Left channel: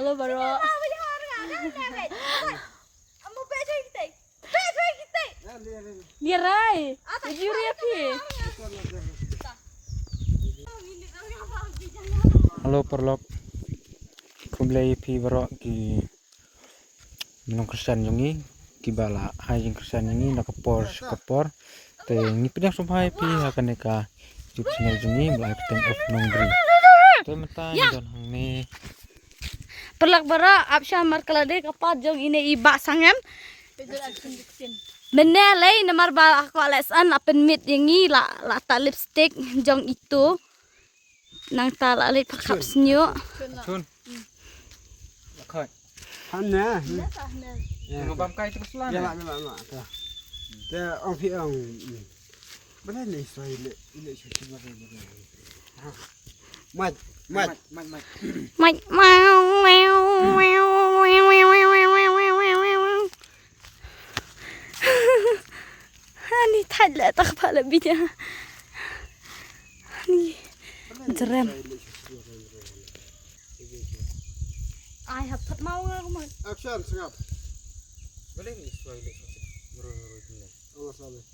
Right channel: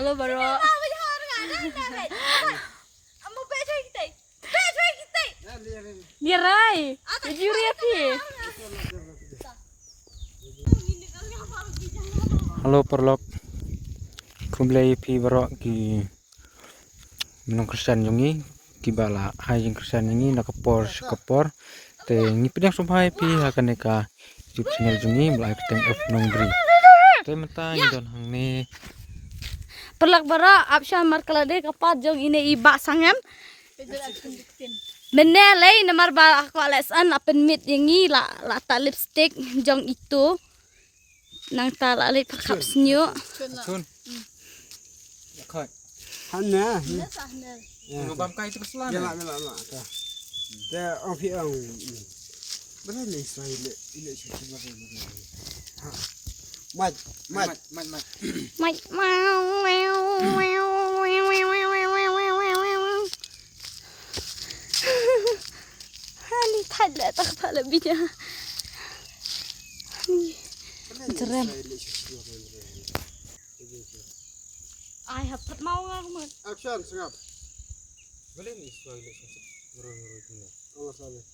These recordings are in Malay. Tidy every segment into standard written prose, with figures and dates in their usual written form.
Halo Baro. Dia rai. Juri api. Halo perlop. Kumlay pi Baro ki minong Kristen yungi ki bala ai jeng Kristen yungi nakapor te ngipidang subhay pi hakan ka YouTube channel jungi mulai peteng of nongri. Te mata don hang ne Perlak Baro apsha mar kalade kapat jong ine iba sangan. Menelai namar ba aku alasan apen mit yangi la ta lipstick jong itu nang ta la lip khap snyo. Chun. Khoi. Hana. Ngobam kai tik selan. Ya. Dia orang piang. Mana ni soal ile sih macam ni. Mat. Mai Hani thala tak pala binya. Hani jeram. Ai hapat mau nga kumat. Action sengap. Boleh ni suai le sosit meroi tu ni. Allah sabar.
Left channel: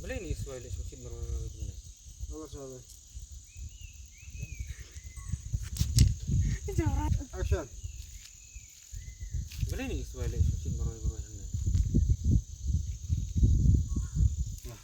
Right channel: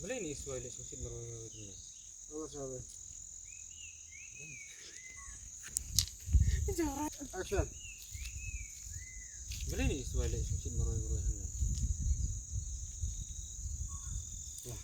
Boleh ni suai le sosit meroi tu ni. Allah sabar. Jarat. Action. Boleh ni suai le sosit meroi tu ni. Allah.